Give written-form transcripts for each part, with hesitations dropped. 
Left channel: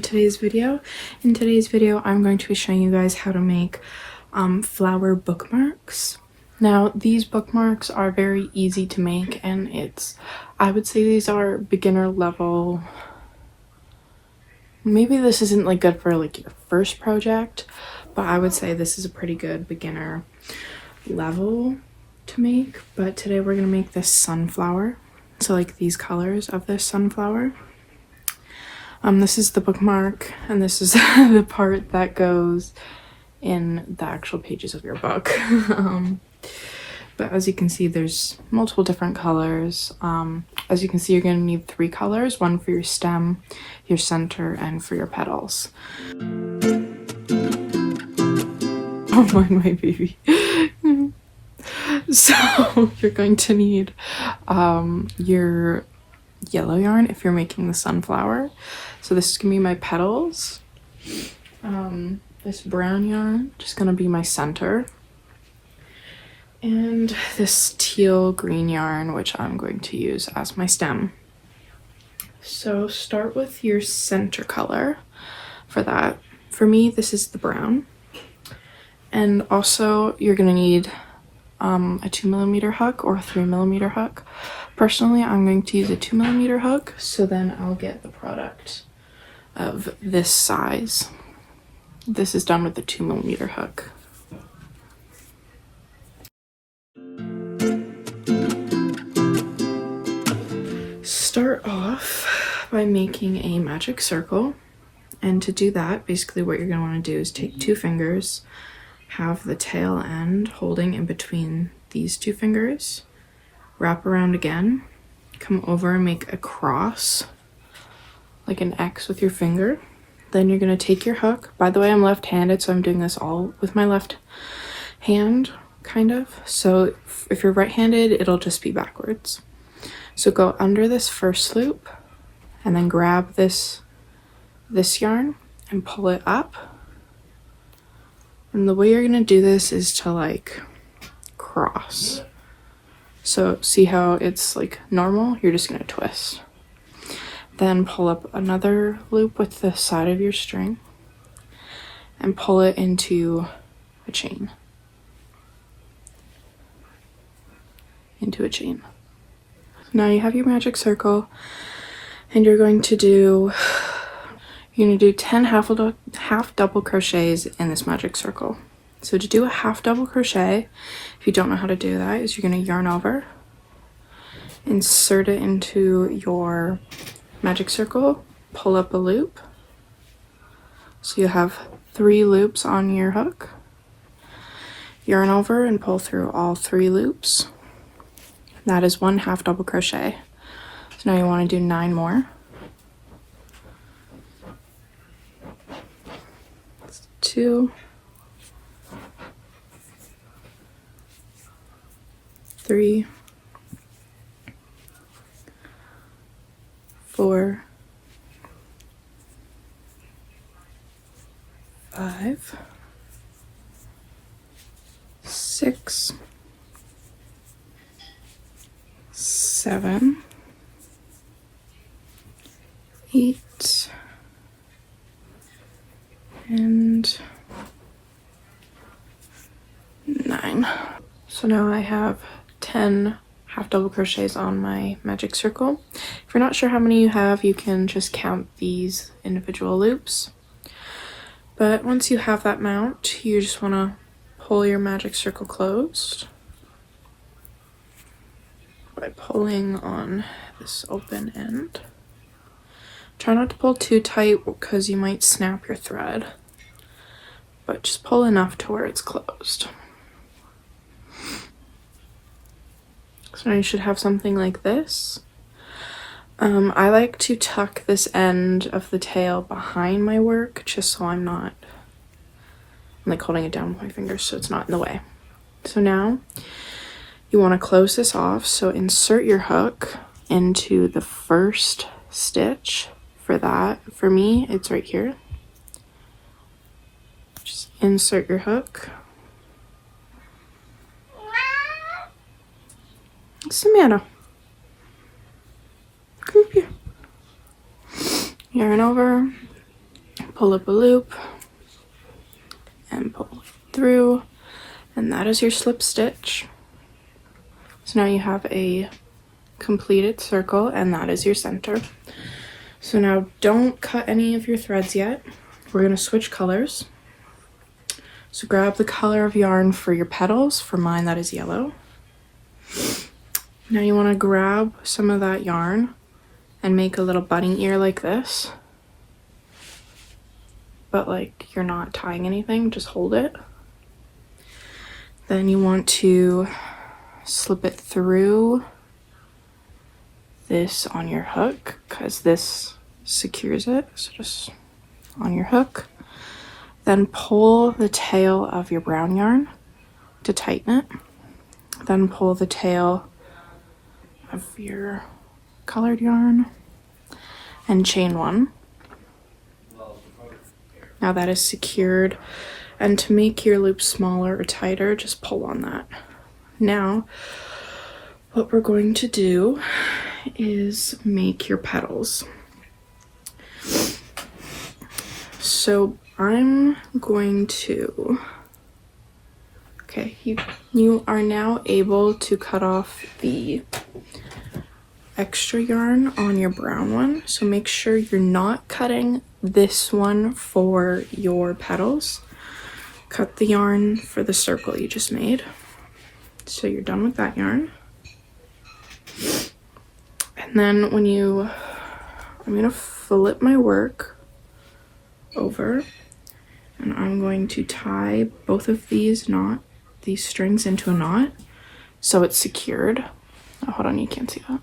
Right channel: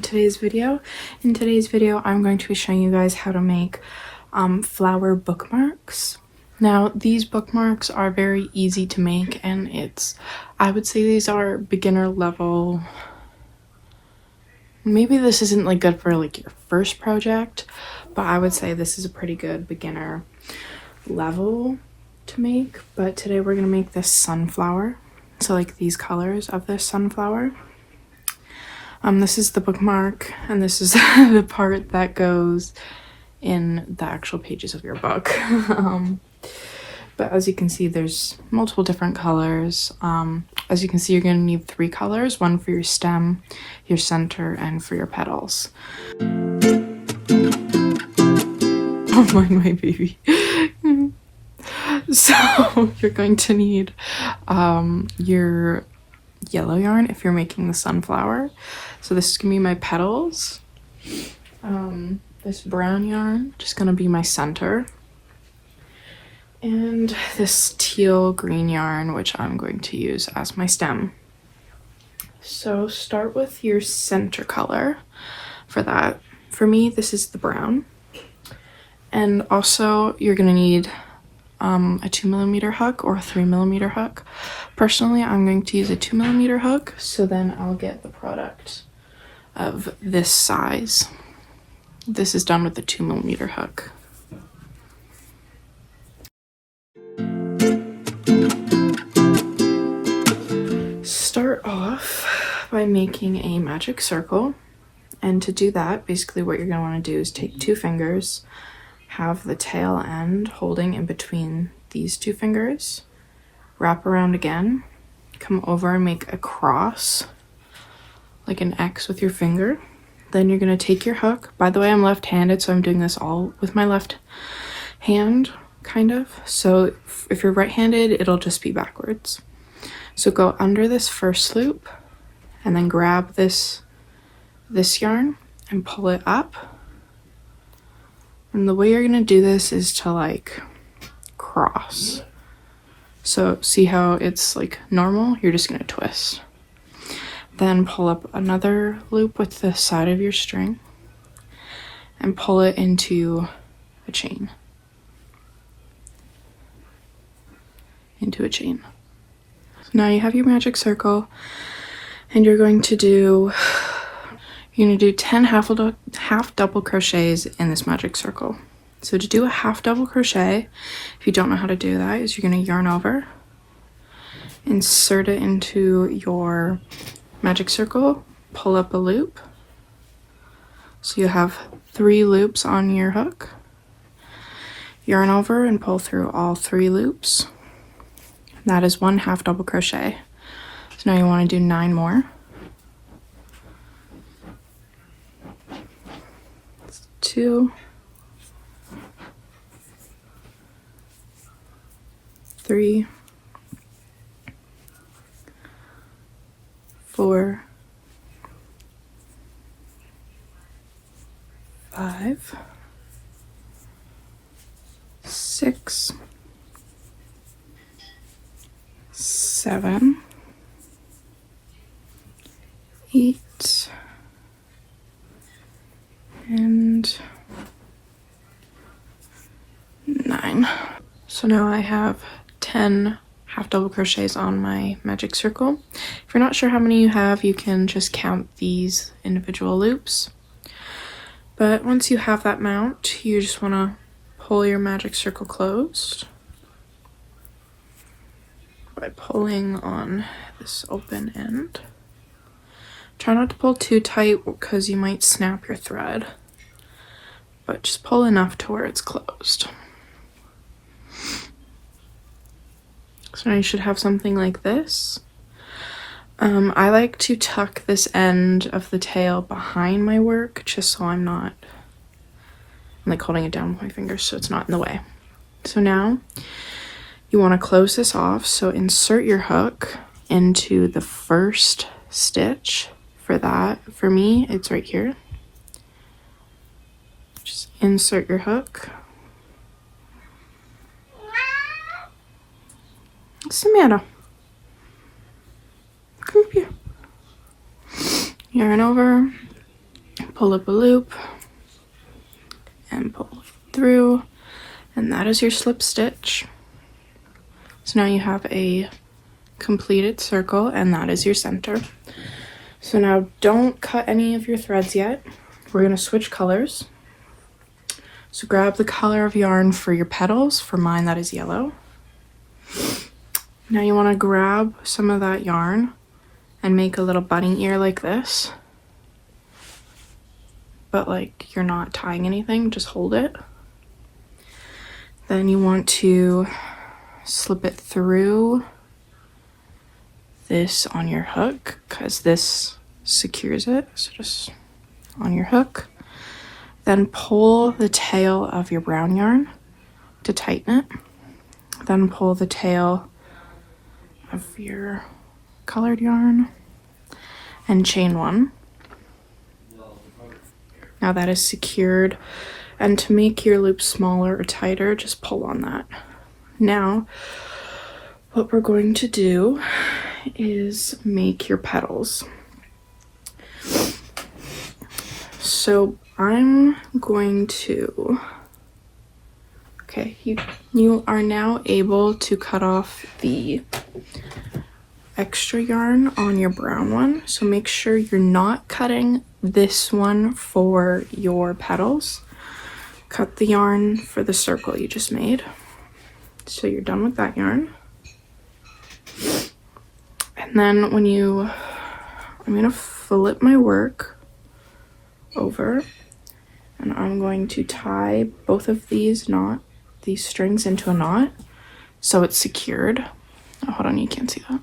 today's video. In today's video, I'm going to be showing you guys how to make flower bookmarks. Now, these bookmarks are very easy to make, and I would say these are beginner level. Maybe this isn't like good for like your first project, but I would say this is a pretty good beginner level to make. But today we're gonna make this sunflower. So like these colors of this sunflower. This is the bookmark, and this is the part that goes in the actual pages of your book. But as you can see, there's multiple different colors. As you can see, you're going to need 3 colors, one for your stem, your center, and for your petals. My baby. So you're going to need your yellow yarn if you're making the sunflower. So this is gonna be my petals. This brown yarn just gonna be my center, and this teal green yarn, which I'm going to use as my stem. So start with your center color for that. For me, this is the brown, and also you're gonna need a 2mm hook or a 3mm hook. Personally, I'm going to use a 2mm hook, so then I'll get the product of this size. This is done with a 2mm hook. Start off by making a magic circle, and to do that, basically what you're going to want to do is take 2 fingers, have the tail end holding in between these 2 fingers, wrap around again, come over and make a cross, like an X with your finger. Then you're going to take your hook. By the way, I'm left-handed, so I'm doing this all with my left hand, kind of. So if you're right-handed, it'll just be backwards. So go under this first loop, and then grab this yarn and pull it up. And the way you're going to do this is to like cross. So see how it's like normal? You're just going to twist. Then pull up another loop with the side of your string and pull it into a chain. Into a chain. So now you have your magic circle, and you're going to do 10 half double crochets in this magic circle. So to do a half double crochet, if you don't know how to do that, is you're going to yarn over, insert it into your magic circle, pull up a loop. So you have 3 loops on your hook. Yarn over and pull through all 3 loops. That is 1 half double crochet. So now you want to do 9 more. 2, 3, 4, 5, 6, 7, 8, and 9. So now I have 10 half double crochets on my magic circle. If you're not sure how many you have, you can just count these individual loops. But once you have that amount, you just want to pull your magic circle closed by pulling on this open end. Try not to pull too tight because you might snap your thread, but just pull enough to where it's closed. So now you should have something like this. I like to tuck this end of the tail behind my work just so I'm like holding it down with my fingers so it's not in the way. So now you want to close this off, so insert your hook into the first stitch. For that, for me, it's right here. Just insert your hook. What's the matter? Come here. Yarn over, pull up a loop and pull through, and that is your slip stitch. So now you have a completed circle, and that is your center. So now don't cut any of your threads yet. We're going to switch colors. So grab the color of yarn for your petals. For mine, that is yellow. Now you want to grab some of that yarn and make a little bunny ear like this. But like you're not tying anything, just hold it. Then you want to slip it through this on your hook, because this secures it. So just on your hook. Then pull the tail of your brown yarn to tighten it. Then pull the tail of your colored yarn and chain one. Now that is secured, and to make your loop smaller or tighter, just pull on that. Now, what we're going to do is make your petals. So I'm going to, okay, you are now able to cut off the extra yarn on your brown one. So make sure you're not cutting this one for your petals. Cut the yarn for the circle you just made. So you're done with that yarn. And then I'm gonna flip my work over, and I'm going to tie both of these strings into a knot so it's secured. Oh, hold on, you can't see that.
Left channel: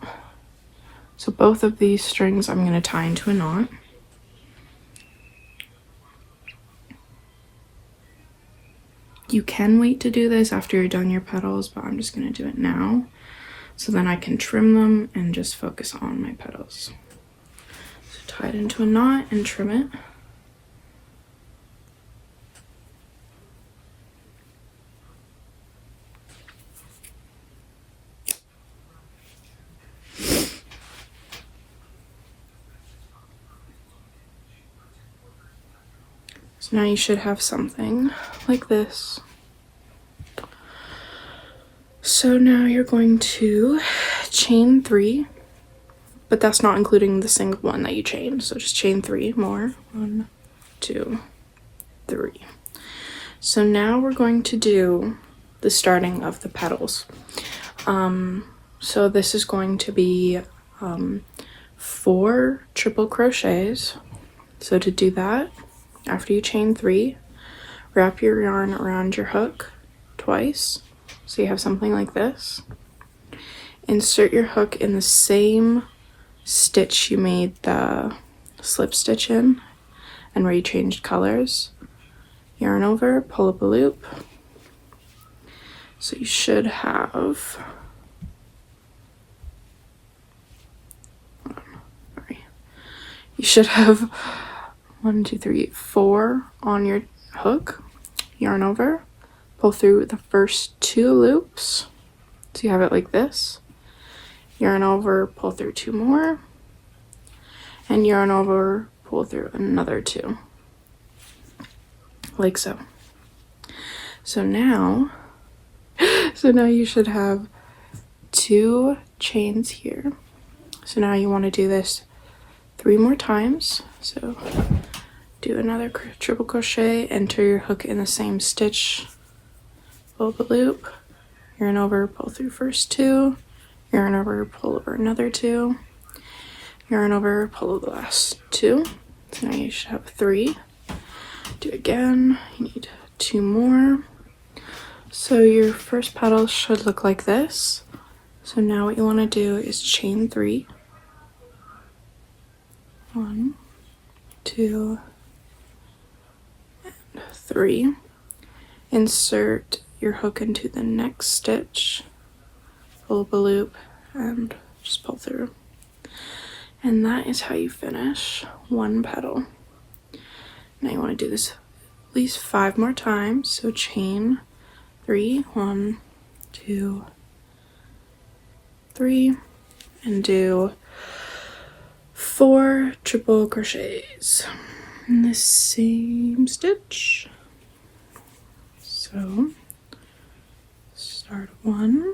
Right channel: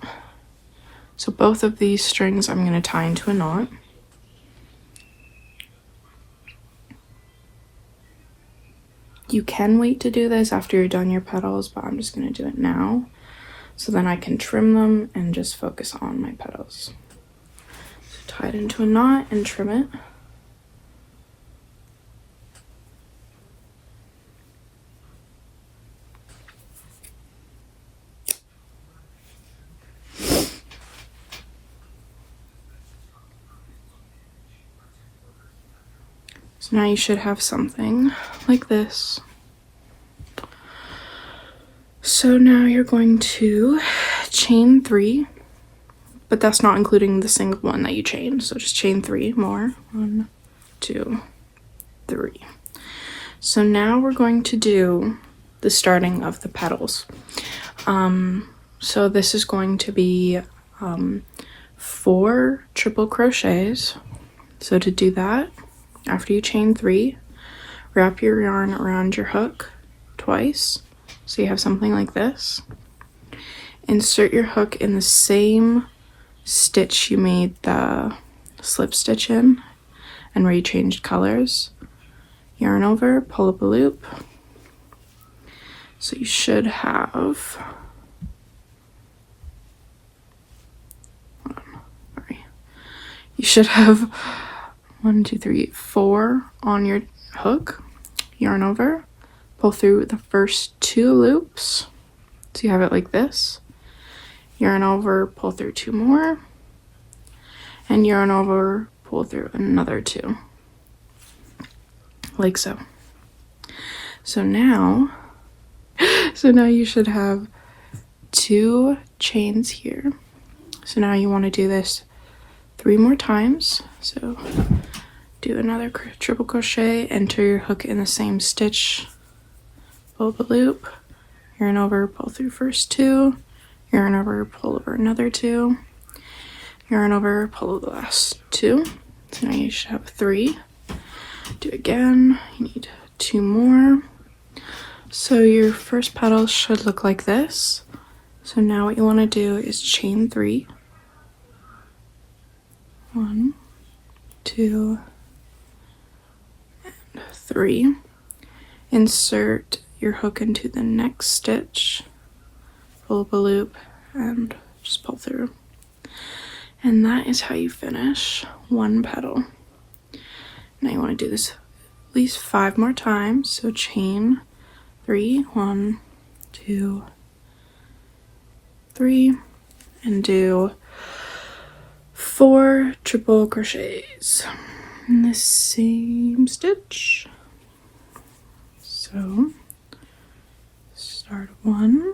So both of these strings I'm going to tie into a knot. You can wait to do this after you're done your petals, but I'm just going to do it now so then I can trim them and just focus on my petals. So tie it into a knot and trim it. So now you should have something like this. So now you're going to chain 3, but that's not including the single one that you chained. So just chain 3 more. 1, 2, 3. So now we're going to do the starting of the petals. So this is going to be 4 triple crochets. So to do that, after you chain 3, wrap your yarn around your hook twice, so you have something like this. Insert your hook in the same stitch you made the slip stitch in and where you changed colors. Yarn over, pull up a loop. So you should have, you should have 1, 2, 3, 4 on your hook. Yarn over, pull through the first 2 loops. So you have it like this. Yarn over, pull through 2 more. And yarn over, pull through another 2. Like so. So now you should have 2 chains here. So now you want to do this 3 more times. So do another triple crochet, enter your hook in the same stitch, pull up a loop, yarn over, pull through first 2, yarn over, pull over another 2, yarn over, pull over the last 2. So now you should have 3. Do again, you need 2 more. So your first petal should look like this. So now what you want to do is chain 3. 1, 2, and 3. Insert your hook into the next stitch, pull up a loop, and just pull through. And that is how you finish 1 petal. Now you want to do this at least 5 more times. So chain 3, 1, 2, 3, and do 4 triple crochets. in the same stitch. So start one,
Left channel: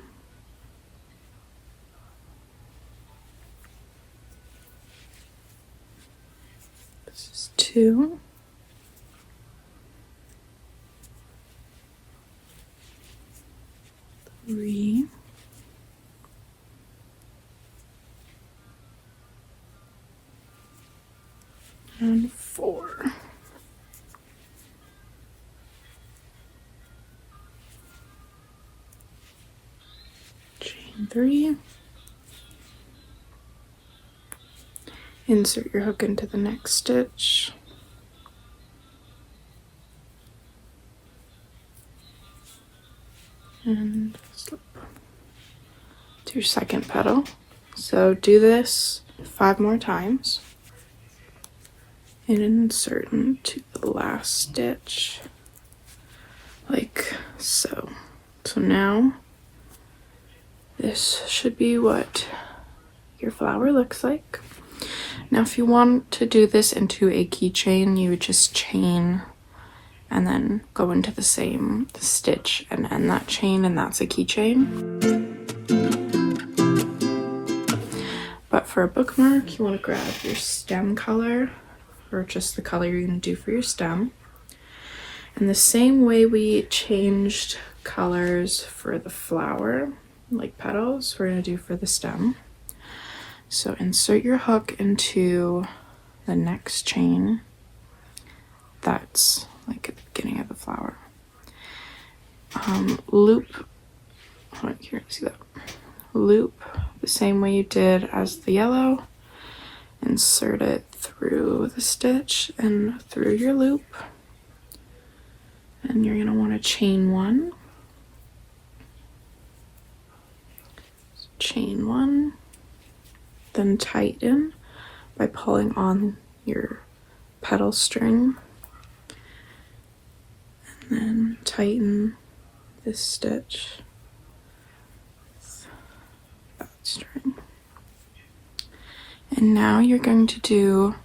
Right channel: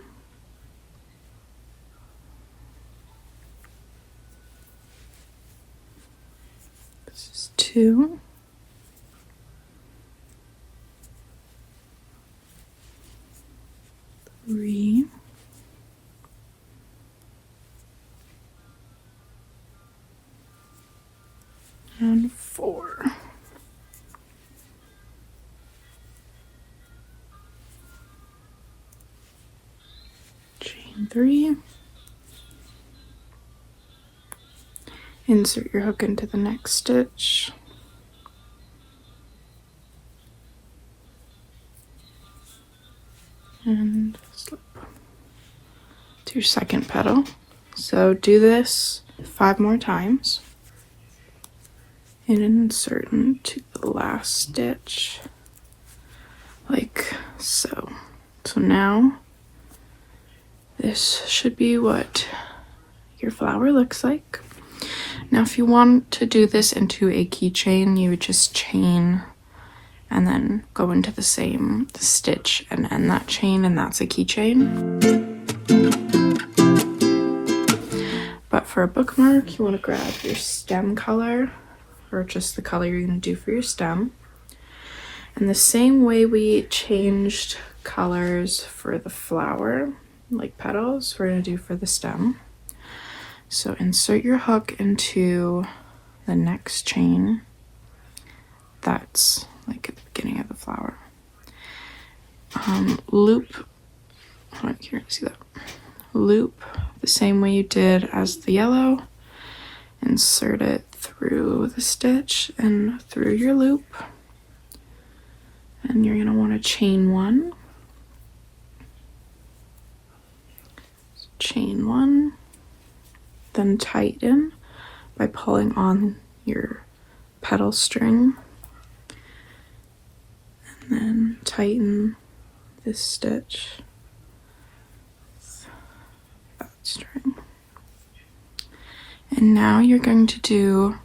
this is two, three, and four. Chain three, insert your hook into the next stitch, and slip to your second petal. So do this 5 more times and insert into the last stitch like so. So now this should be what your flower looks like. Now if you want to do this into a keychain, you would just chain and then go into the stitch and end that chain, and that's a keychain. But for a bookmark, you want to grab your stem color, or just the color you're going to do for your stem. And the same way we changed colors for the flower, like petals, we're going to do for the stem. So insert your hook into the next chain. That's like at the beginning of the flower. Loop, I don't care to see that. Loop the same way you did as the yellow. Insert it through the stitch and through your loop. And you're gonna want to chain one. Chain one. Then tighten by pulling on your petal string. And then tighten this stitch with that string. And now you're going to do,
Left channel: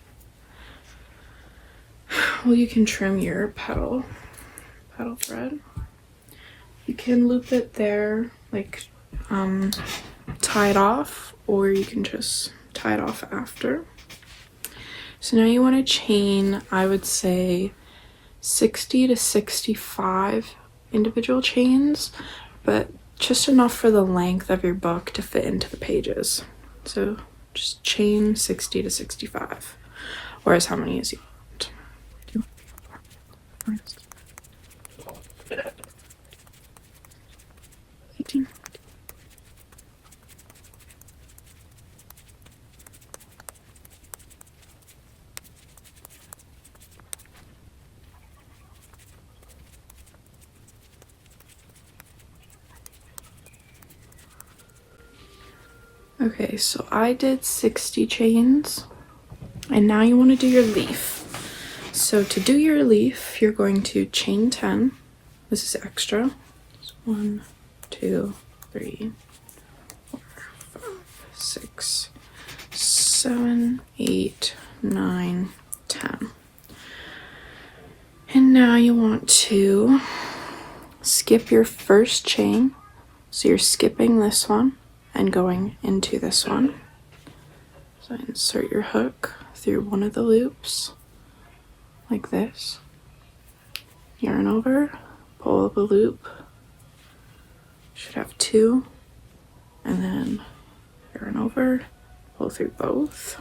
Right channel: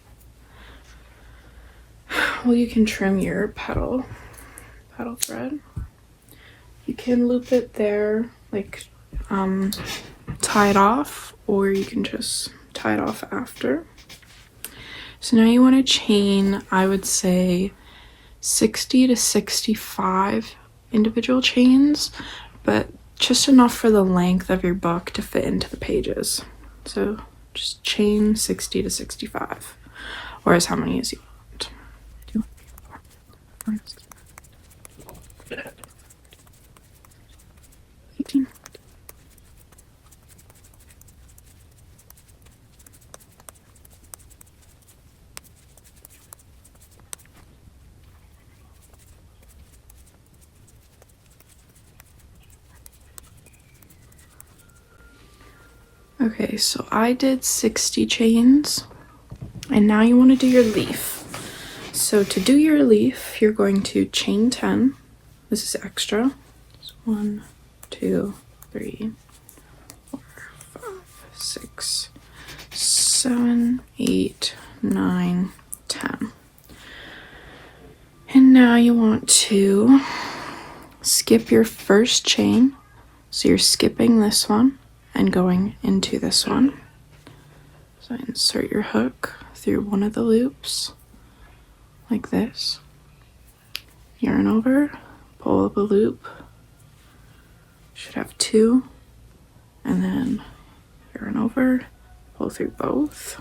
well, you can trim your petal thread. You can loop it there, like tie it off, or you can just tie it off after. So now you want to chain, I would say 60 to 65 individual chains, but just enough for the length of your book to fit into the pages. So just chain 60 to 65, or as how many as you want. Okay, so I did 60 chains, and now you want to do your leaf. So to do your leaf, you're going to chain 10. This is extra. 1, 2, 3, 4, 5, 6, 7, 8, 9, 10. And now you want to skip your first chain. So you're skipping this one and going into this one. So insert your hook through one of the loops, like this. Yarn over, pull the loop. Should have 2, and then yarn over, pull through both.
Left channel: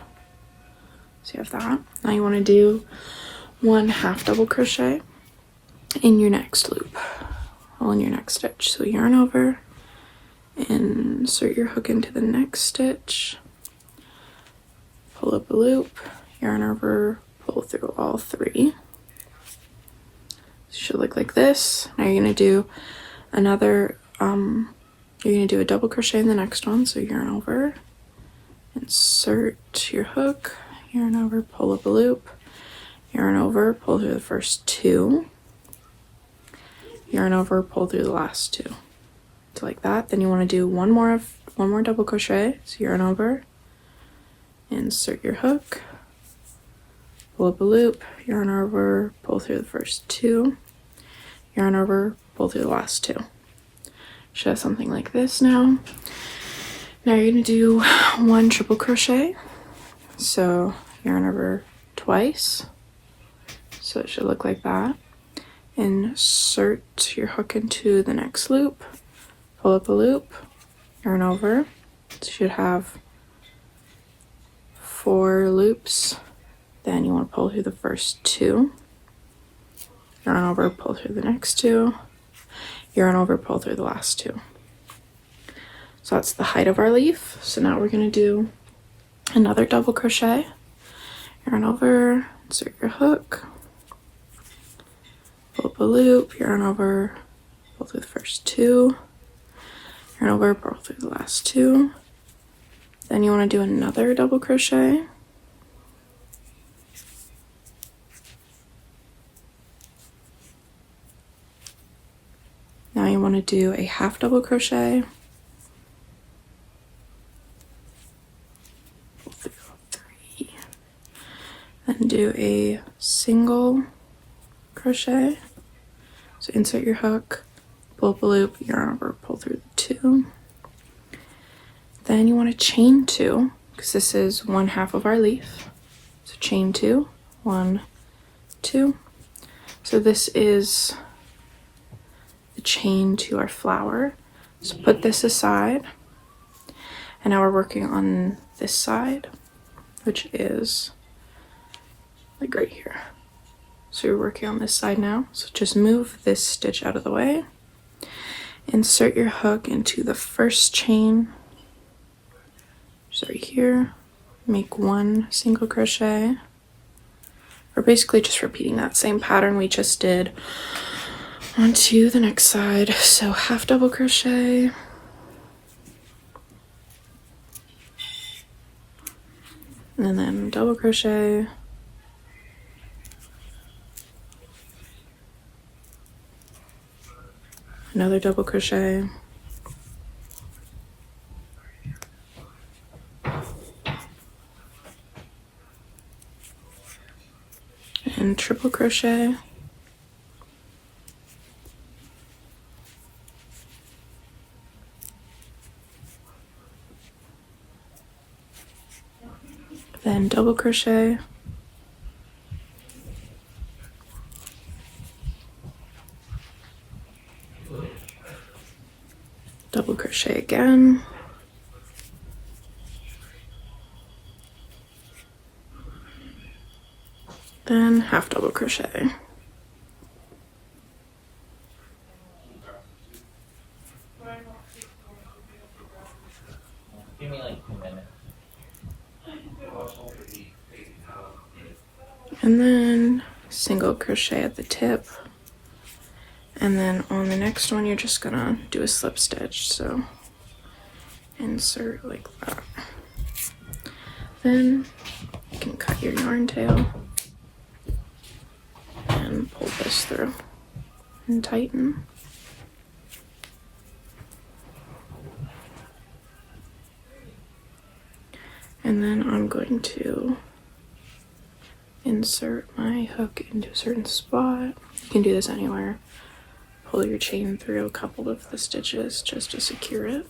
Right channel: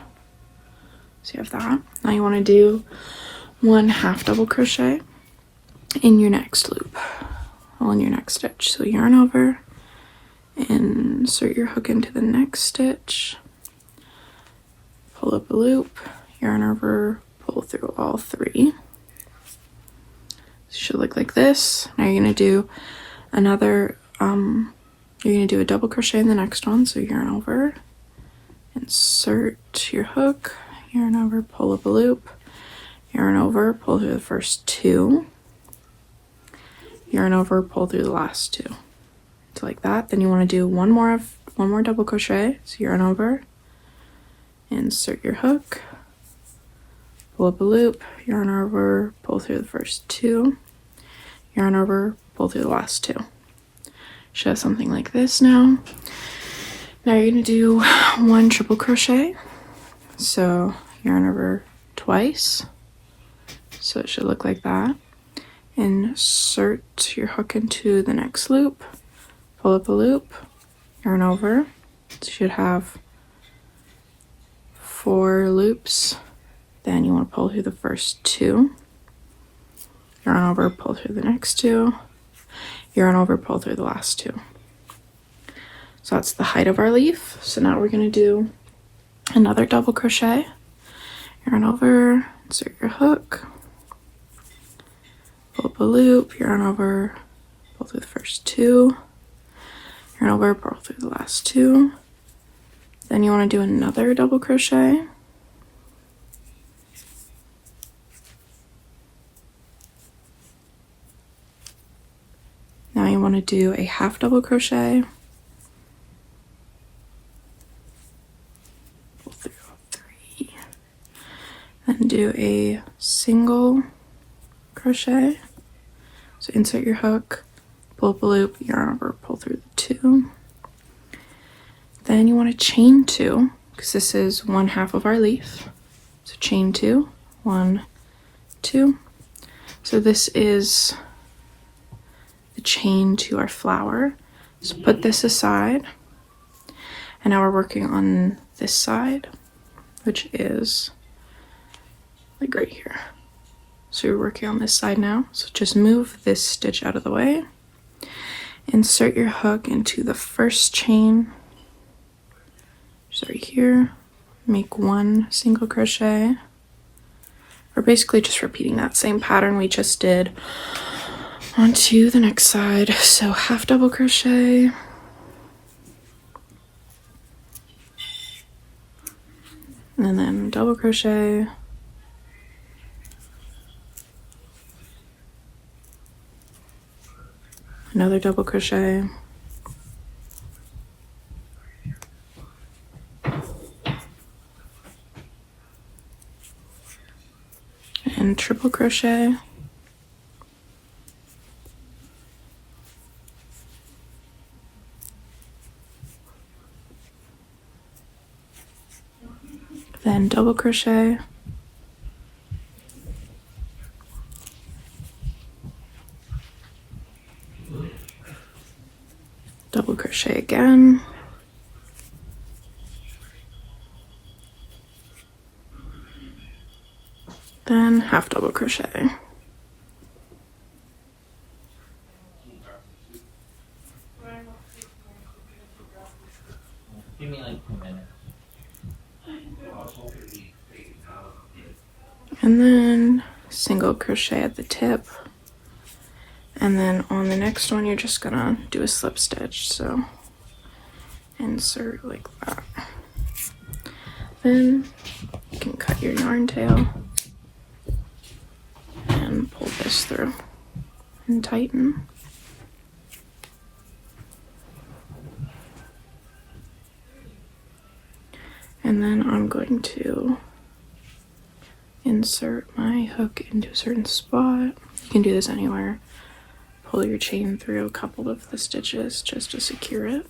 So you have that. Now you want to do 1 half double crochet in your next loop, well, in your next stitch. So yarn over, insert your hook into the next stitch, pull up a loop, yarn over, pull through all 3. It should look like this. Now you're gonna do another, you're gonna do a double crochet in the next one. So yarn over, insert your hook, yarn over, pull up a loop, yarn over, pull through the first 2, yarn over, pull through the last 2. So like that. Then you want to do one more double crochet. So yarn over, insert your hook, pull up a loop, yarn over, pull through the first 2, yarn over, pull through the last 2. Should have something like this now. Now you're going to do 1 triple crochet. So yarn over twice. So it should look like that. Insert your hook into the next loop, pull up a loop, yarn over. You should have 4 loops. Then you want to pull through the first 2, yarn over, pull through the next 2, yarn over, pull through the last 2. So that's the height of our leaf. So now we're going to do another double crochet, yarn over, insert your hook, pull up a loop, yarn over, pull through the first 2, yarn over, pull through the last 2. Then you want to do another double crochet. Now you want to do a half double crochet, then do a single crochet. So insert your hook, pull up a loop, yarn over, pull through the 2. Then you want to chain 2, because this is 1/2 of our leaf. So chain 2, 1, 2. So this is the chain to our flower. So put this aside, and now we're working on this side, which is like right here. So you're working on this side now. So just move this stitch out of the way. Insert your hook into the first chain. So right here, make 1 single crochet. We're basically just repeating that same pattern we just did onto the next side. So half double crochet, and then double crochet, another double crochet, and triple crochet, then double crochet, double crochet again, then half double crochet. Give me like 2 minutes. And then single crochet at the tip, and then on the next one you're just gonna do a slip stitch. So insert like that. Then you can cut your yarn tail and pull this through and tighten. And then I'm going to insert my hook into a certain spot. You can do this anywhere. Pull your chain through a couple of the stitches just to secure it.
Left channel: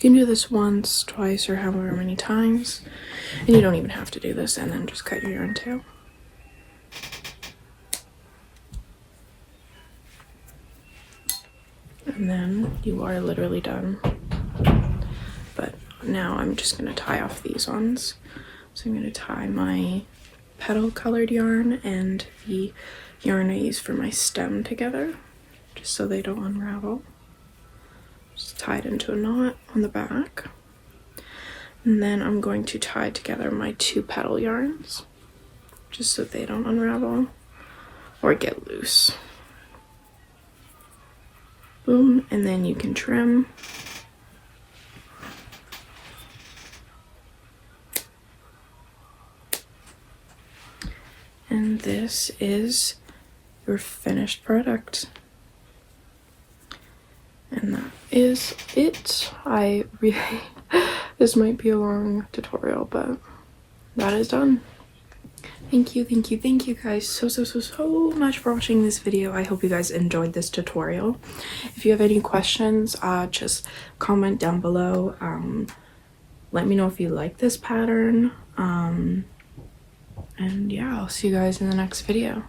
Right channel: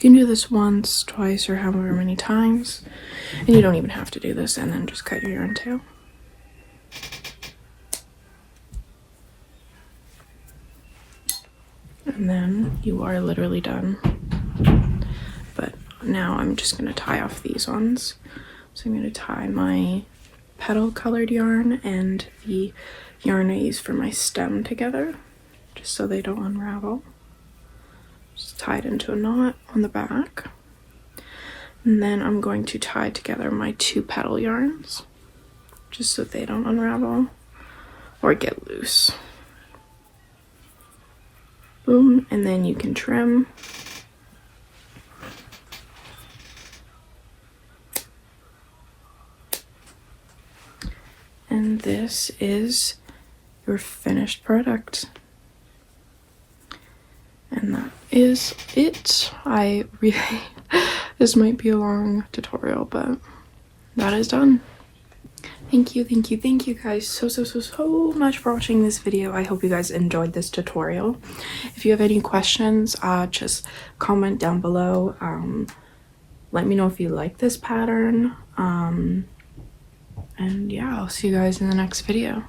You can do this once, twice, or however many times, and you don't even have to do this, and then just cut your yarn tail. And then you are literally done. But now I'm just going to tie off these ones. So I'm going to tie my petal colored yarn and the yarn I use for my stem together, just so they don't unravel. Just tie it into a knot on the back. And then I'm going to tie together my 2 petal yarns, just so they don't unravel or get loose. Boom, and then you can trim. And this is your finished product. And that is it. This might be a long tutorial, but that is done. Thank you guys so much for watching this video. I hope you guys enjoyed this tutorial. If you have any questions, just comment down below. Let me know if you like this pattern. And yeah, I'll see you guys in the next video.